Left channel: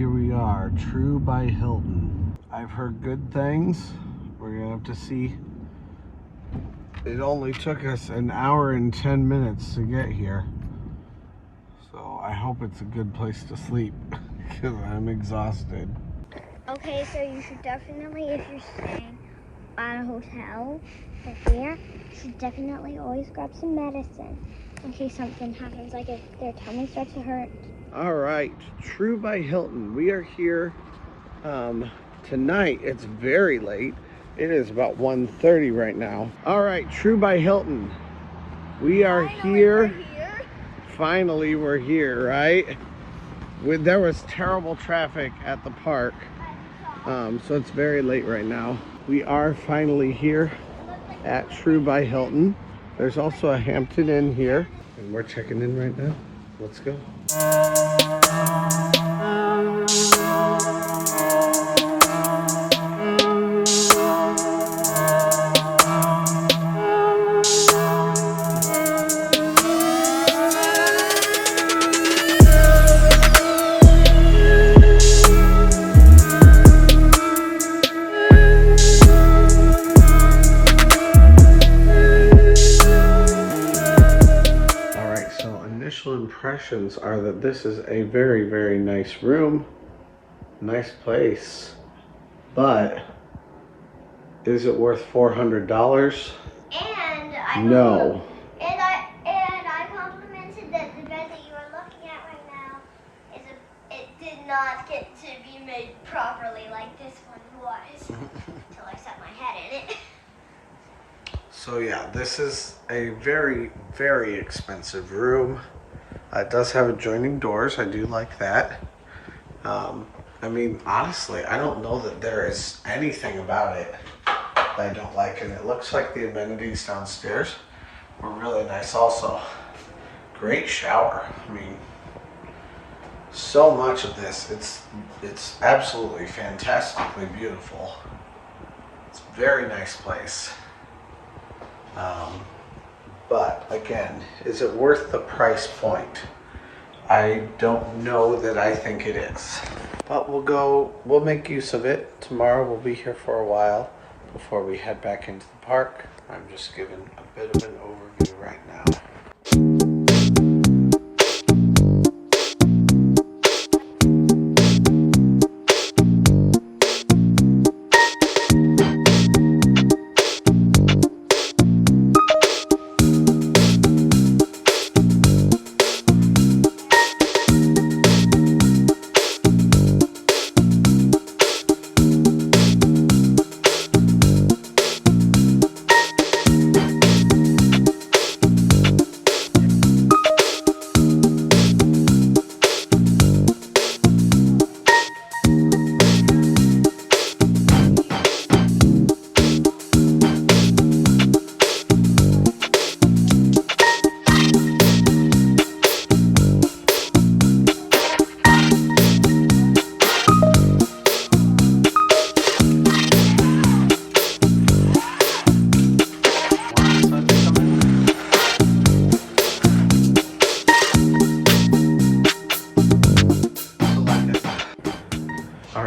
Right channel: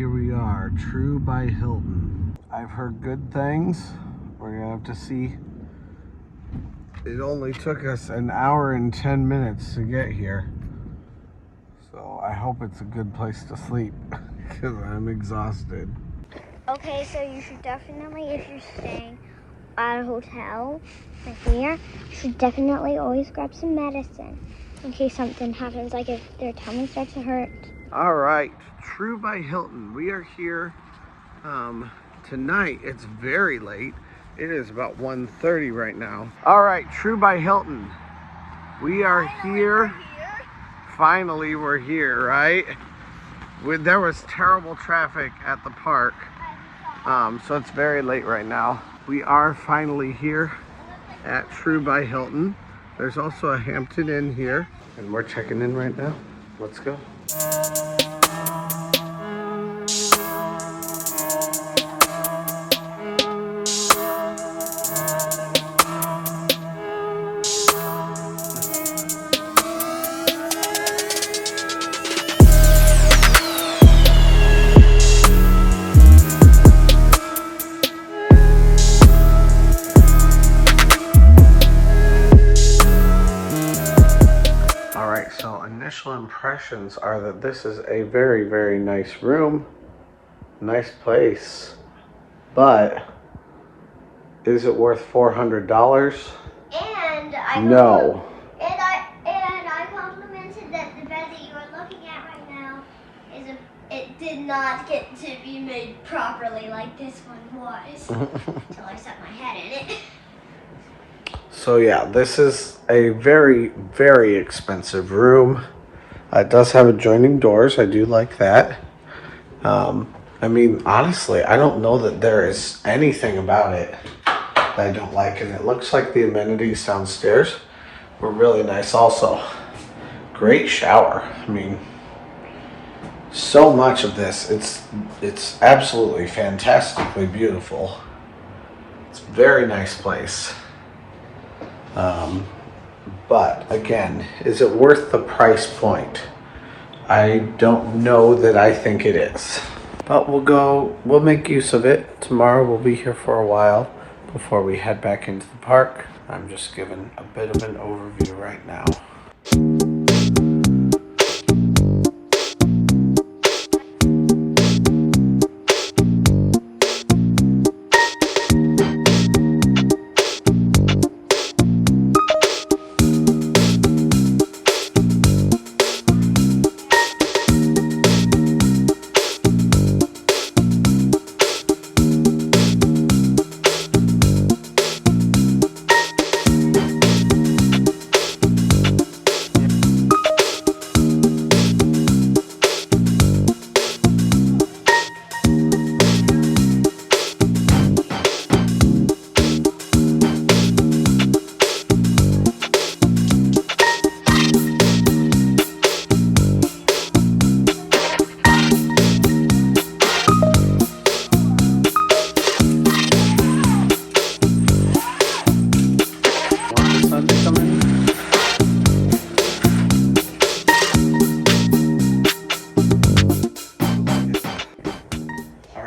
here we are, True by Hilton. I've heard good things. We're gonna have to see. It only took us an hour and 10 minutes to get here. So I hope it's a good place to sleep because I'm exhausted. Okay, so you should definitely, if you're staying at a hotel like here, you should definitely always grab some medicine in case something happens, like if their tummy starts to hurt. All right, True by Hilton. We are here tonight. It's very late. It is about 1:30 right now. All right, True by Hilton. We are here. Finally, we're here, right? There was terrible traffic at the park, so it's very late right now. We are finally here at True by Hilton. There's also a Hampton Inn here, and we're checking in right now. Let's go. Impressions are that this is a very, very nice room, nice place, but is it worth $400? And I no. And I complimented that the bed that you are looking at right now it did not get to be made properly like this one was until I set my head in it. So yeah, this is a very, very expensive room. It does have adjoining doors. I do like that. I mean, honestly, I don't know that there is anything about it that I don't like. And it looks like the amenities downstairs were really nice also. Great shower. I mean, so much of this, it's absolutely fantastically beautiful. It's a very nice place. But again, is it worth the price point? I don't know that I think it is. But we'll make use of it. Tomorrow we'll be here for a while before we head back into the park. I'm just giving a bit of an overview right now.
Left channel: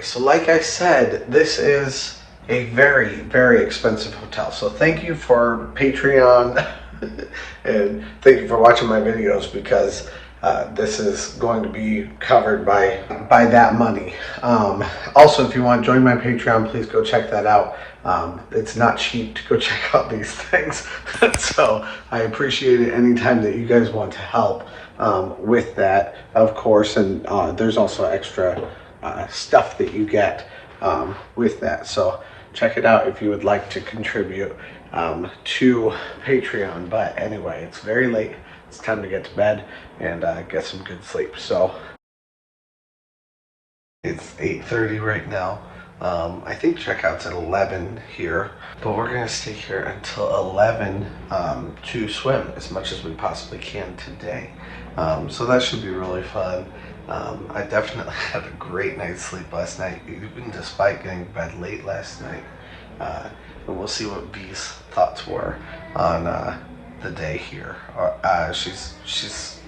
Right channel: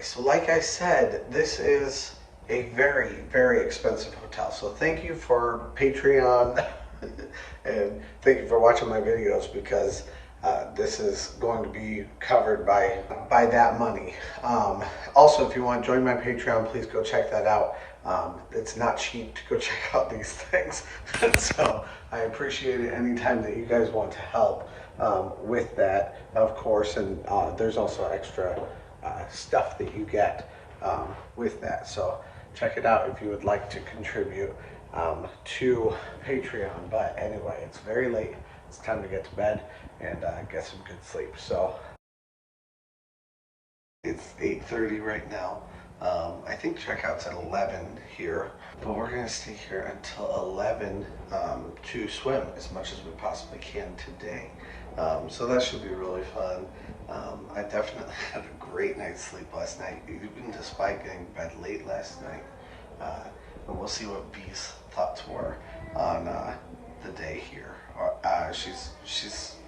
So like I said, this is a very, very expensive hotel. So thank you for Patreon and thank you for watching my videos because this is going to be covered by that money. Also, if you want to join my Patreon, please go check that out. It's not cheap to go check out these things. So I appreciate it anytime that you guys want to help with that, of course. And there's also extra stuff that you get with that. So check it out if you would like to contribute to Patreon. But anyway, it's very late. It's time to get to bed and get some good sleep. So it's 8:30 right now. I think checkout's at 11 here, but we're gonna stay here until 11 to swim as much as we possibly can today. So that should be really fun. I definitely had a great night's sleep last night, even despite getting to bed late last night. And we'll see what B's thoughts were on the day here. She's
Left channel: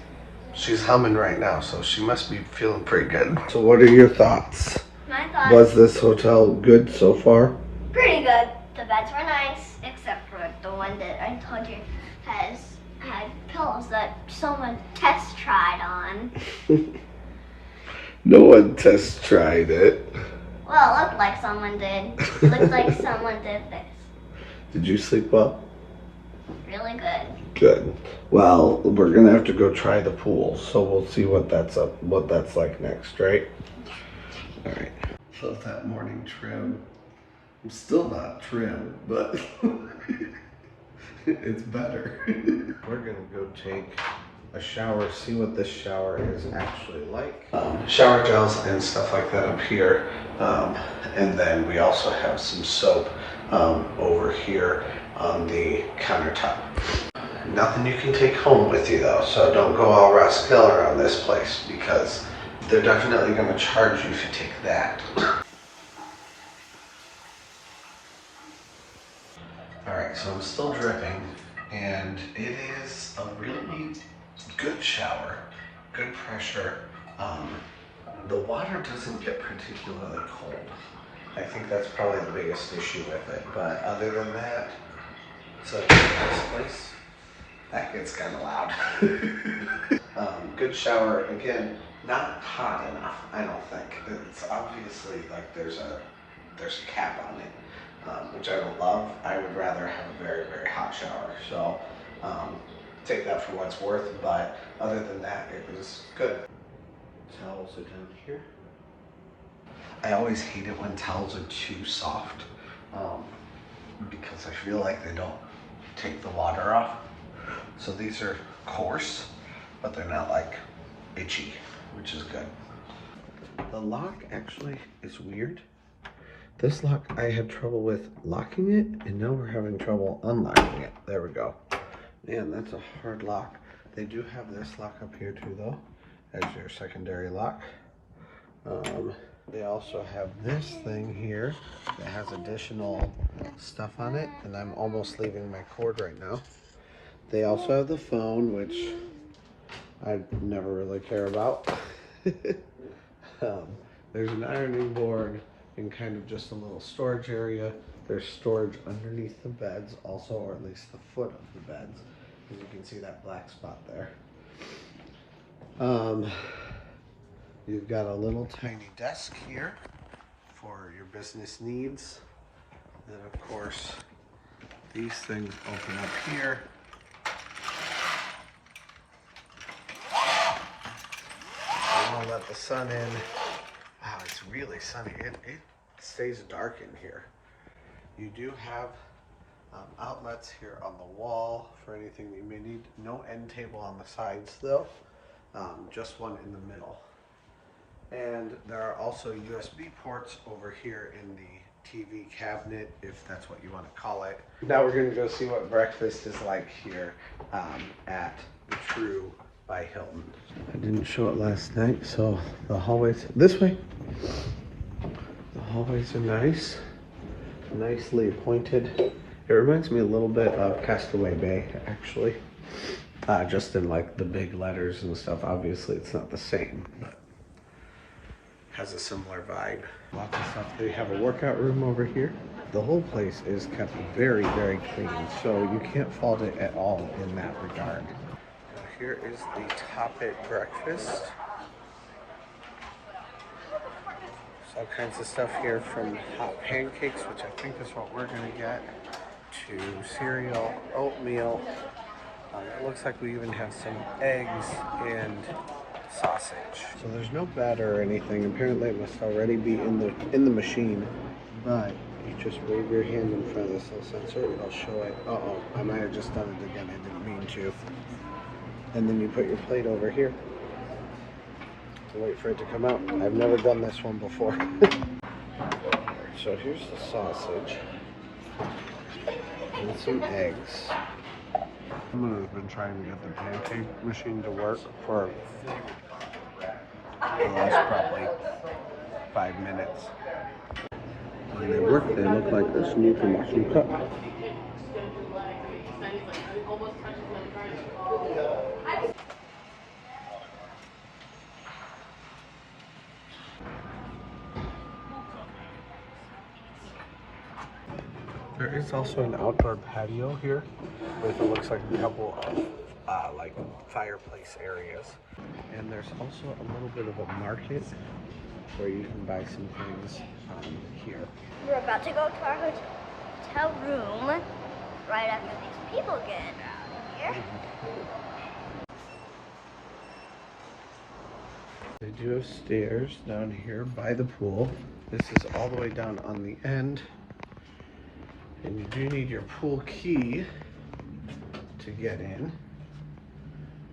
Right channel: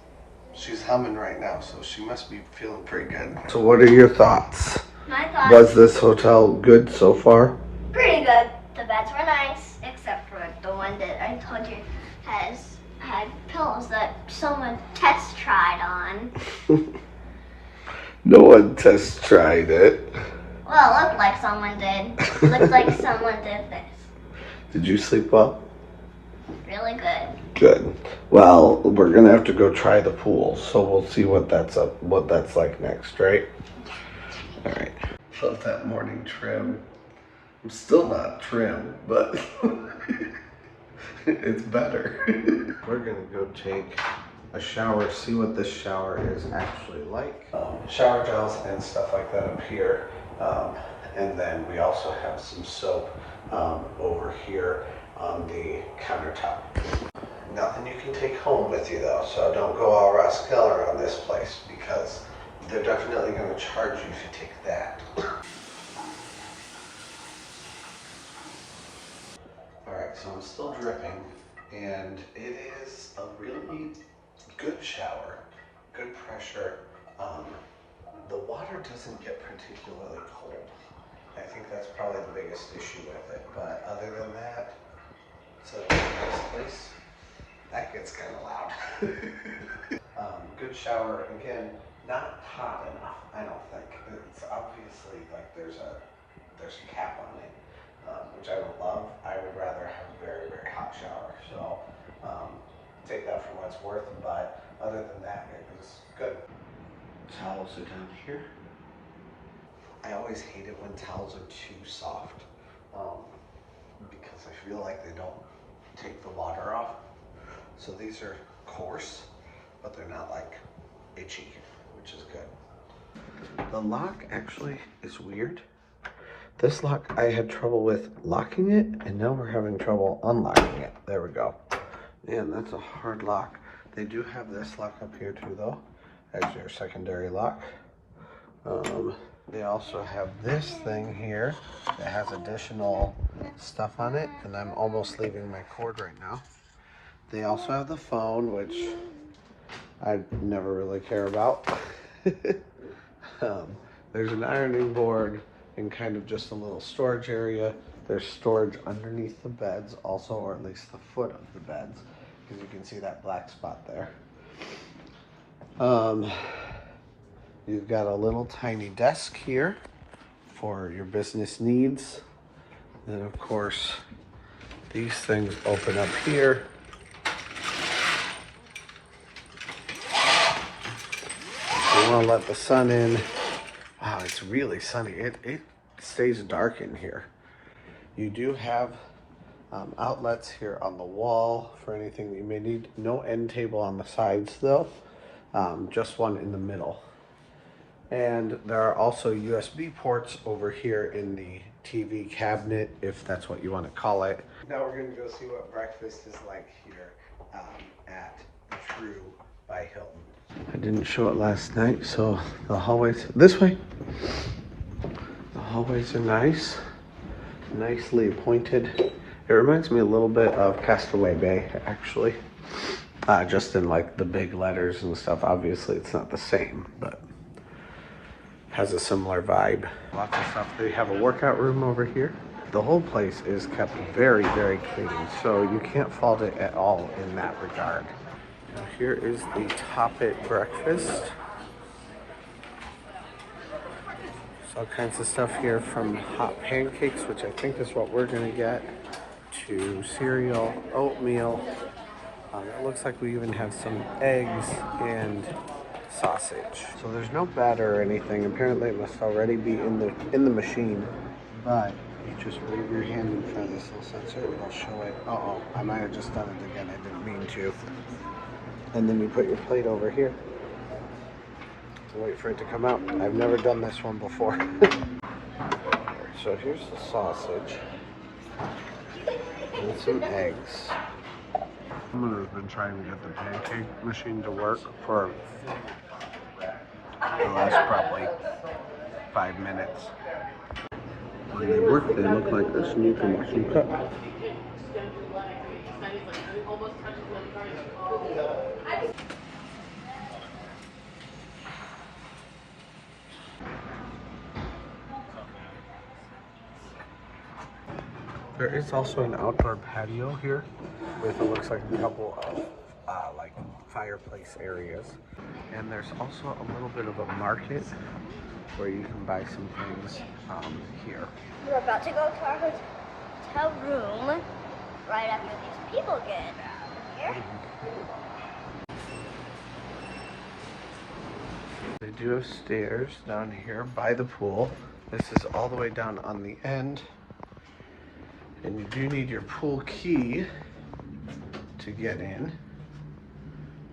She's humming right now, so she must be feeling pretty good. So what are your thoughts? My thoughts. Was this hotel good so far? Pretty good. The beds were nice, except for the one that I told you had pillows that someone test tried on. No one test tried it. Well, it looked like someone did. It looked like someone did this. Did you sleep well? Really good. Good. Well, we're gonna have to go try the pool, so we'll see what that's like next, right? All right. Love that morning trim. I'm still not trim, but it's better. We're gonna go take a shower, see what this shower is actually like. Shower gels and stuff like that up here. And then we also have some soap over here on the countertop. Nothing you can take home with you though, so don't go all rascal on this place because they're definitely going to charge you if you take that. Alright, so I'm still dripping, and it is a really good shower, good pressure. The water doesn't get particularly cold. I think that's probably the biggest issue with it, but other than that, it's a nice place. That gets kind of loud. Good shower, again, not hot enough, I don't think. It's obviously like there's a cap on it, which I don't love. I would rather have a very, very hot shower. So take that for what it's worth, but other than that, it was good. Towels are down here. I always hate it when towels are too soft because I feel like they don't take the water off. So these are coarse, but they're not like itchy, which is good. The lock actually is weird. This lock, I had trouble with locking it, and now we're having trouble unlocking it. There we go. Man, that's a hard lock. They do have this lock up here too though, as your secondary lock. They also have this thing here that has additional stuff on it, and I'm almost leaving my cord right now. They also have the phone, which I never really care about. There's an ironing board and kind of just a little storage area. There's storage underneath the beds also, or at least the foot of the beds, because you can see that black spot there. You've got a little tiny desk here for your business needs. Then of course, these things open up here. You want to let the sun in. Wow, it's really sunny. It stays dark in here. You do have outlets here on the wall for anything that you may need. No end table on the sides though, just one in the middle. And there are also USB ports over here in the TV cabinet, if that's what you want to call it. Now we're going to go see what breakfast is like here at the True by Hilton. I didn't show it last night, so the hallways, this way. The hallways are nice, nicely appointed. It reminds me a little bit of Castaway Bay, actually. Just in like the big letters and stuff. Obviously it's not the same, but has a similar vibe. Lots of stuff. They have a workout room over here. The whole place is kept very, very clean, so you can't fault it at all in that regard. Now here is the Toppet breakfast. All kinds of stuff here, from hot pancakes, which I think is what we're gonna get, to cereal, oatmeal. It looks like we even have some eggs and sausage. So there's no batter or anything. Apparently it must already be in the machine. But you just wave your hand in front of this little sensor and it'll show it. Uh-oh, I might have just done it again. I didn't mean to. And then you put your plate over here. Wait for it to come out. I've never done this one before. So here's the sausage and some eggs. Someone has been trying to get the pancake machine to work for the last probably 5 minutes. When they work, they look like this, and you can watch them cook. There is also an outdoor patio here with what looks like a couple of like fireplace areas. And there's also a little bit of a market where you can buy some things here. We're about to go to our hotel room right after these people get out of here. They do have stairs down here by the pool. This is all the way down on the end. And you do need your pool key to get in.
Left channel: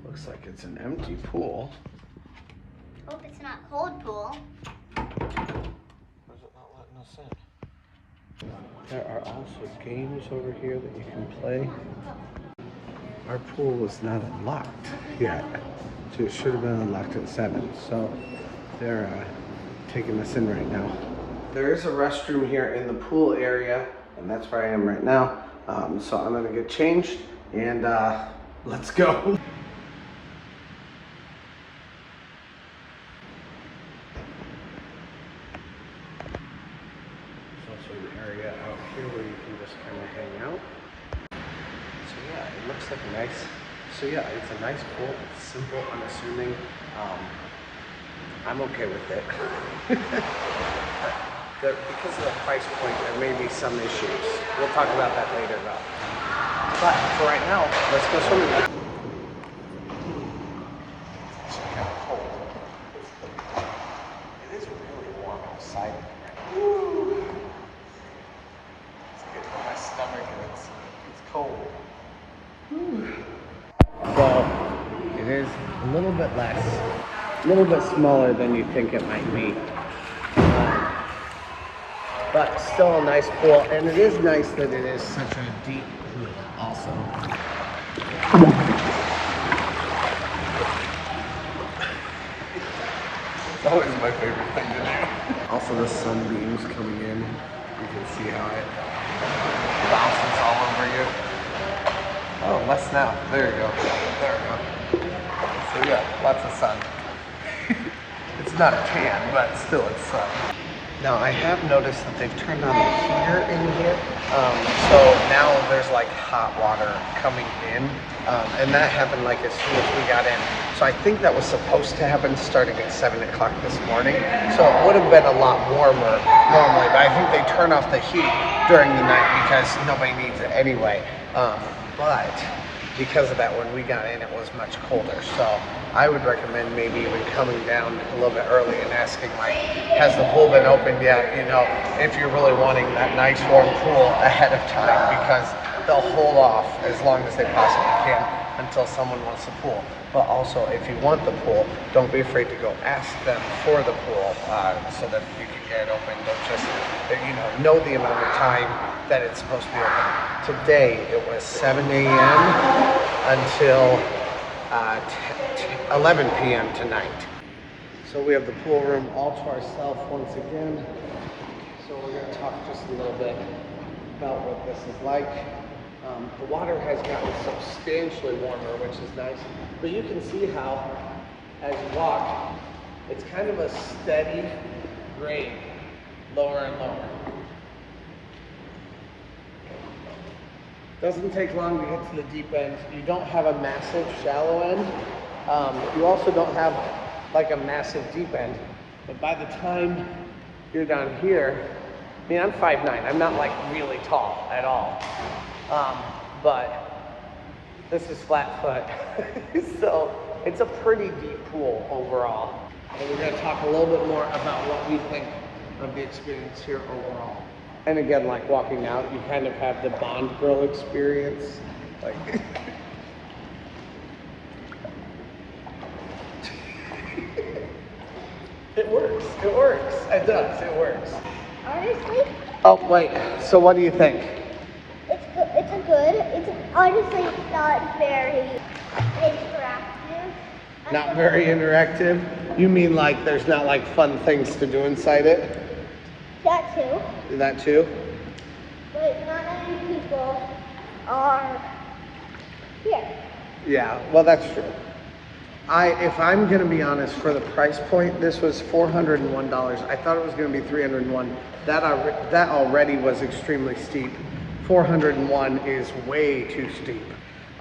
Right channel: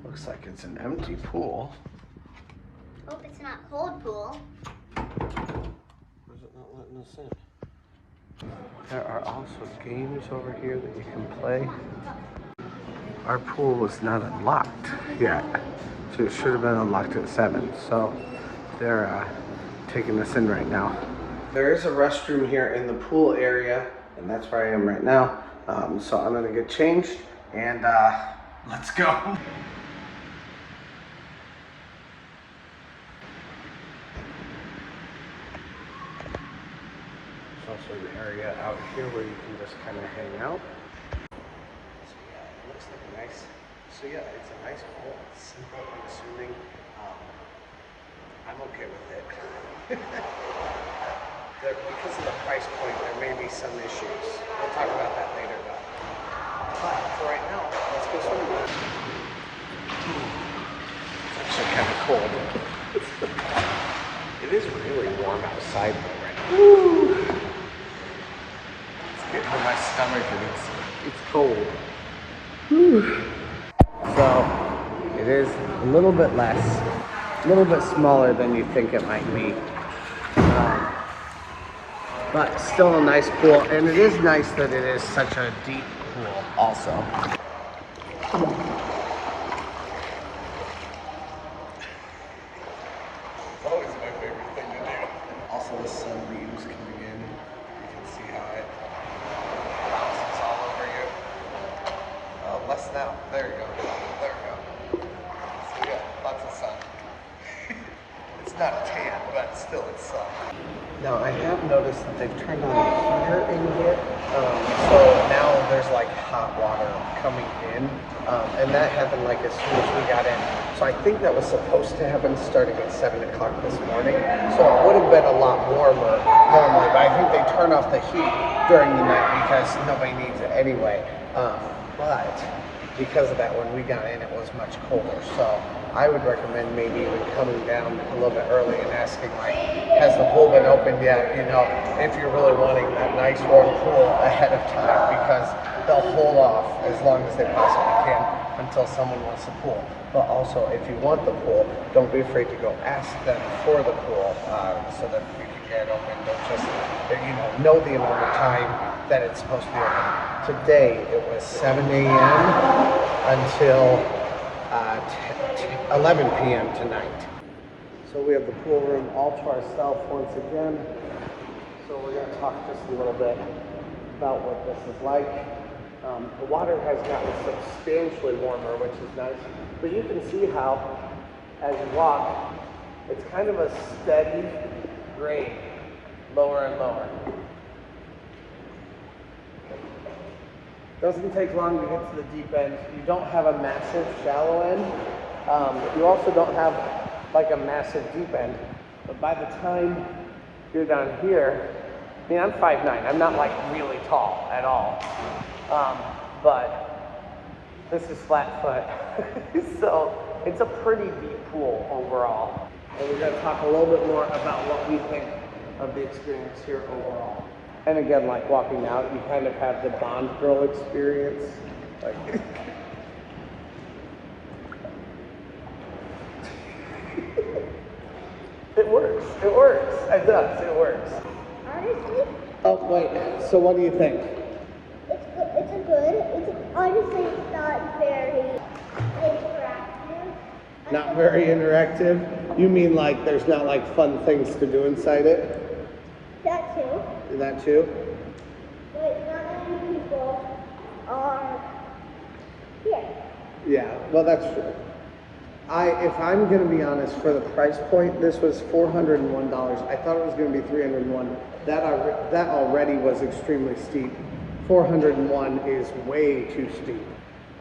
Looks like it's an empty pool. Hope it's not cold pool. Why is it not letting us in? There are also games over here that you can play. Our pool was not unlocked yet, so it should have been unlocked at 7. So they're taking us in right now. There is a restroom here in the pool area, and that's where I am right now. So I'm gonna get changed and let's go. There's also an area out here where you can just kind of hang out. So yeah, it looks like a nice, it's a nice pool. It's simple, unassuming. I'm okay with it. Because of the price point, there may be some issues. We'll talk about that later though. But for right now, let's go swimming. It's actually kind of cold. It is really warm outside though right now. Woo. It's getting in my stomach and it's cold. Woo. So it is a little bit less, a little bit smaller than you think it might be. But still a nice pool, and it is nice that it is such a deep pool also. It's always my favorite thing to do. Also the sunbeams coming in, you can see how it bounces all over you. Oh, less now. There you go. There we go. So yeah, lots of sun. It's not a tan, but still it's sun. Now I have noticed that they've turned on the heater in here, so now there's like hot water coming in, and that happened like as soon as we got in. So I think that was supposed to happen starting at 7 o'clock this morning, so it would have been a lot warmer normally, but I think they turn off the heat during the night because nobody needs it anyway. But because of that, when we got in, it was much colder. So I would recommend maybe even coming down a little bit early and asking, like, has the pool been opened yet? You know, if you're really wanting that nice warm pool ahead of time, because they'll hold off as long as they possibly can until someone wants the pool. But also, if you want the pool, don't be afraid to go ask them for the pool so that you can get it open. Don't just, know the amount of time that it's supposed to be open. Today, it was 7 a.m. until 11 p.m. tonight. So we have the pool room all to ourselves once again. So we're going to talk just a little bit about what this is like. The water has gotten substantially warmer, which is nice. But you can see how, as you walk, it's kind of a steady grade, lower and lower. Doesn't take long to get to the deep end. You don't have a massive shallow end. You also don't have like a massive deep end. But by the time you're down here, I mean, I'm 5'9". I'm not like really tall at all. But this is flat foot. So it's a pretty deep pool overall. And we're gonna talk a little bit more about what we think of the experience here overall. And again, like walking out, you kind of have the Bond girl experience. Like, it works. It works. It does. It works. Honestly? Oh, wait. So what do you think? It's good. It's honestly not very interactive. Not very interactive? You mean like there's not like fun things to do inside it? That too. That too? But not many people are here. Yeah, well that's true. If I'm gonna be honest, for the price point, this was $401. I thought it was gonna be $301. That already was extremely steep 401 is way too steep.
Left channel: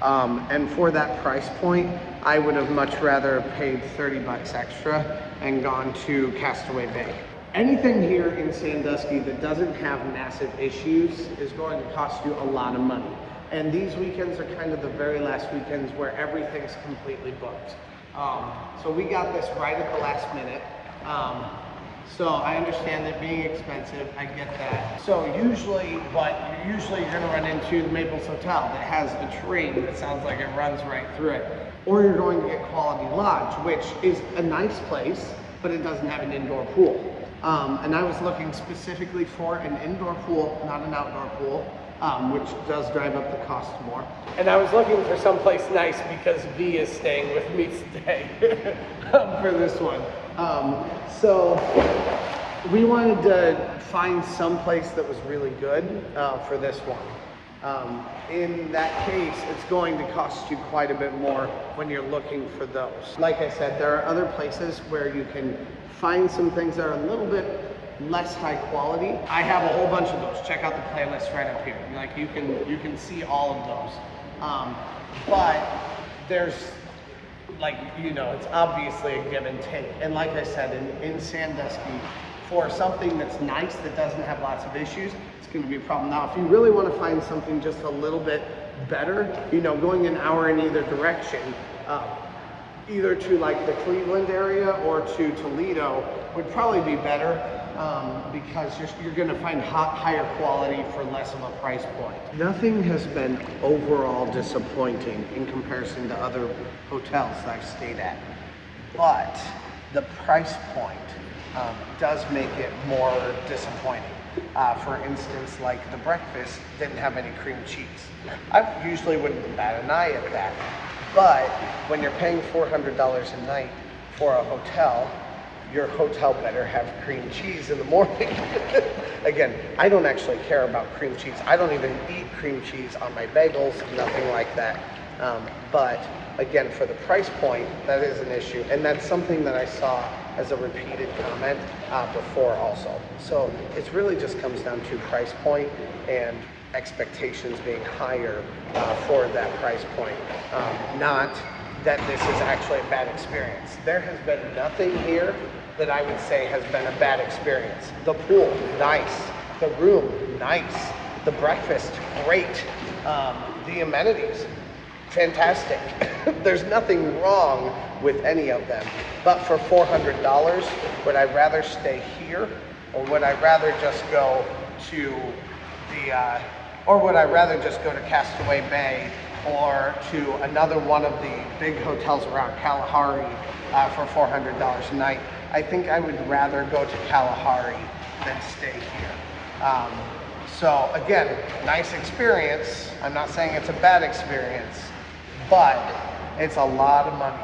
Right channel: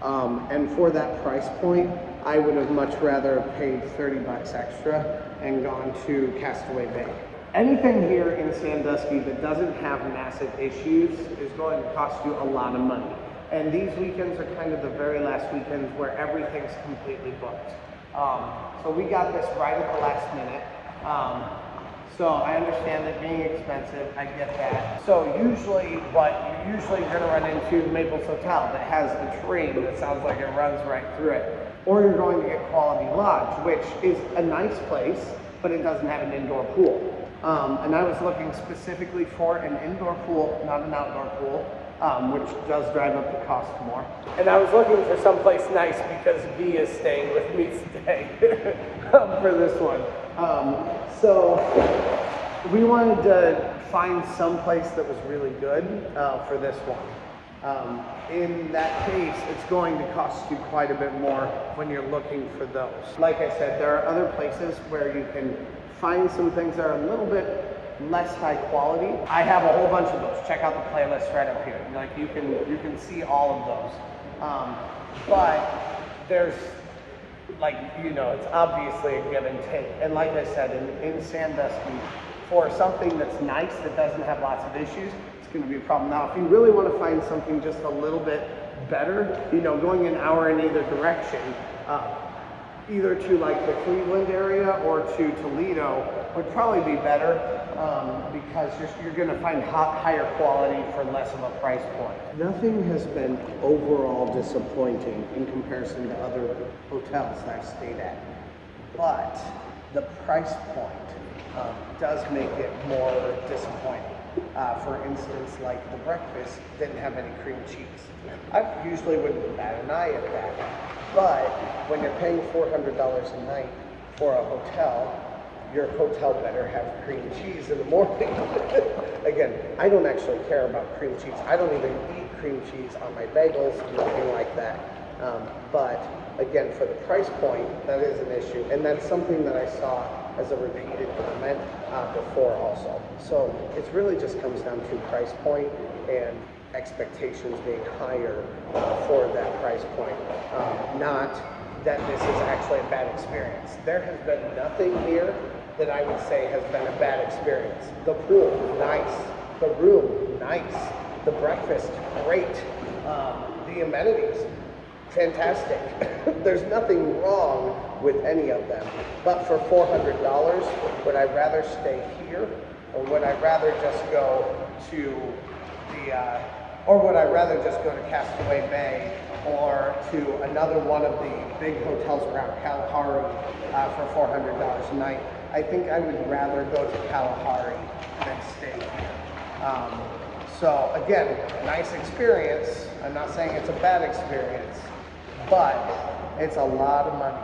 And for that price point, I would have much rather paid 30 bucks extra and gone to Castaway Bay. Anything here in Sandusky that doesn't have massive issues is going to cost you a lot of money. And these weekends are kind of the very last weekends where everything's completely booked. So we got this right at the last minute. So I understand it being expensive, I get that. So usually you're gonna run into the Maples Hotel that has a train that sounds like it runs right through it. Or you're going to get Quality Lodge, which is a nice place, but it doesn't have an indoor pool. And I was looking specifically for an indoor pool, not an outdoor pool, which does drive up the cost more. And I was looking for someplace nice because V is staying with me today for this one. So we wanted to find some place that was really good for this one. In that case, it's going to cost you quite a bit more when you're looking for those. Like I said, there are other places where you can find some things that are a little bit less high quality. I have a whole bunch of those. Check out the playlist right up here. Like you can see all of those. But there's, like, you know, it's obviously a give and take. And like I said, in Sandusky, for something that's nice, that doesn't have lots of issues, it's going to be a problem. Now, if you really want to find something just a little bit better, you know, going an hour in either direction, either to like the Cleveland area or to Toledo would probably be better, because you're going to find higher quality for less of a price point. Nothing has been overall disappointing in comparison to other hotels that I've stayed at, but the price point does make it more disappointing. For instance, like the breakfast didn't have any cream cheese. I usually wouldn't bat an eye at that, but when you're paying $400 a night for a hotel, your hotel better have cream cheese in the morning. Again, I don't actually care about cream cheese. I don't even eat cream cheese on my bagels, nothing like that. But again, for the price point, that is an issue. And that's something that I saw as a repeated comment before also. So it really just comes down to price point and expectations being higher for that price point. Not that this is actually a bad experience. There has been nothing here that I would say has been a bad experience. The pool, nice. The room, nice. The breakfast, great. The amenities, fantastic. There's nothing wrong with any of them. But for $400, would I rather stay here, or would I rather just go to Castaway Bay, or to another one of the big hotels around Kalahari for $400 a night? I think I would rather go to Kalahari than stay here. So again, nice experience. I'm not saying it's a bad experience, but it's a lot of money.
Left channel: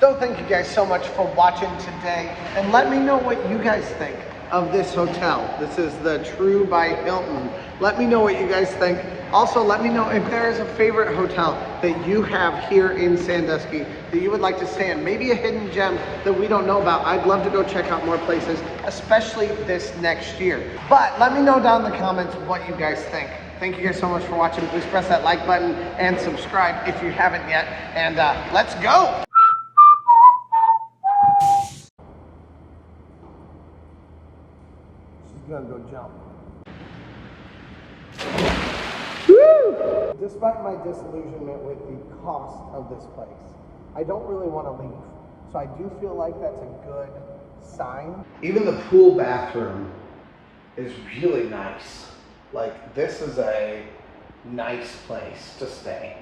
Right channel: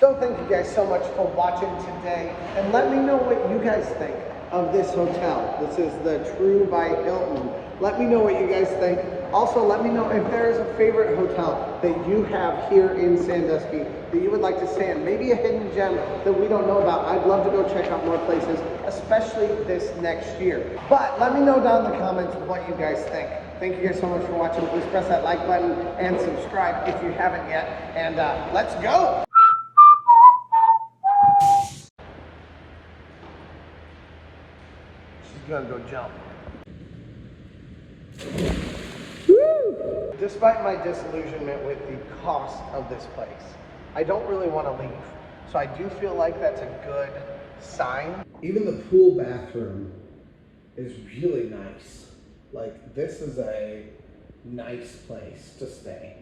So thank you guys so much for watching today, and let me know what you guys think of this hotel. This is the True by Hilton. Let me know what you guys think. Also, let me know if there is a favorite hotel that you have here in Sandusky that you would like to stay in. Maybe a hidden gem that we don't know about. I'd love to go check out more places, especially this next year. But let me know down in the comments what you guys think. Thank you guys so much for watching. Please press that like button and subscribe if you haven't yet. And let's go! Gonna go jump. Woo! Despite my disillusionment with the cost of this place, I don't really want to leave. So I do feel like that's a good sign. Even the pool bathroom is really nice. Like, this is a nice place to stay.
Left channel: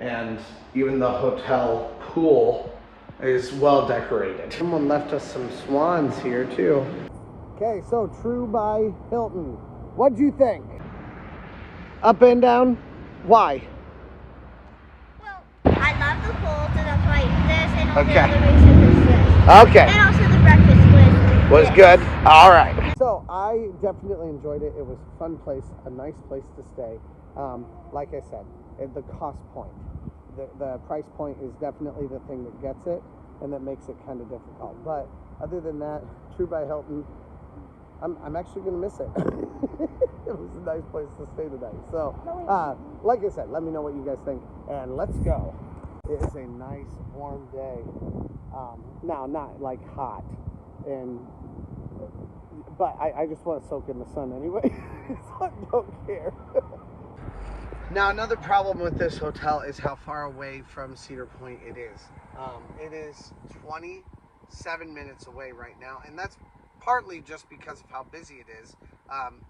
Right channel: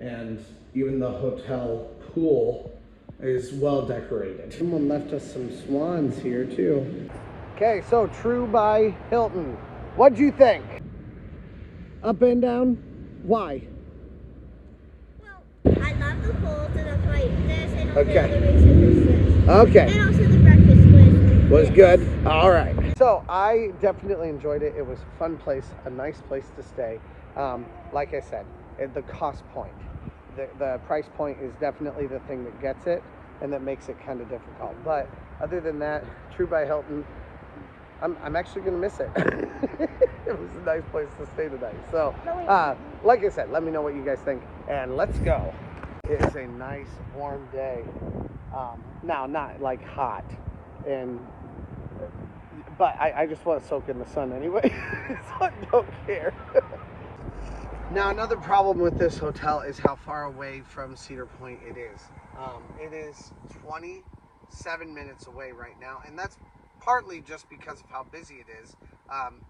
And even the hotel pool is well decorated. Someone left us some swans here too. Okay, so True by Hilton. What'd you think? Up and down? Why? Well, I love the pool, so that's why this and all Okay. the other reasons is this. Okay. And also the breakfast Was this. good. All right. So I definitely enjoyed it. It was a fun place, a nice place to stay. Like I said, the cost point, the price point is definitely the thing that gets it and that makes it kind of difficult. But other than that, True by Hilton, I'm actually gonna miss it. It was a nice place to stay tonight. So, like I said, let me know what you guys think, and let's go. It is a nice warm day. Now, not like hot, but I just want to soak in the sun anyway, so I don't care. Now, another problem with this hotel is how far away from Cedar Point it is. It is 27 minutes away right now, and that's partly just because of how busy it is.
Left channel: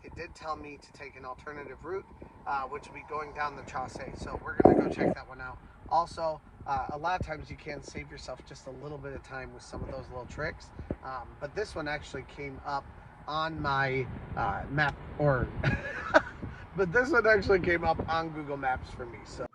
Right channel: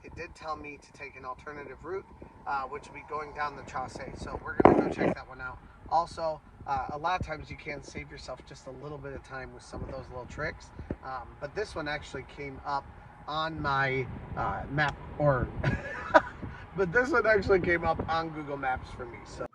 It did tell me to take an alternative route, which will be going down the Chaussee, so we're going to go check that one out. Also, a lot of times you can save yourself just a little bit of time with some of those little tricks, but this one actually came up on my map, but this one actually came up on Google Maps for me. So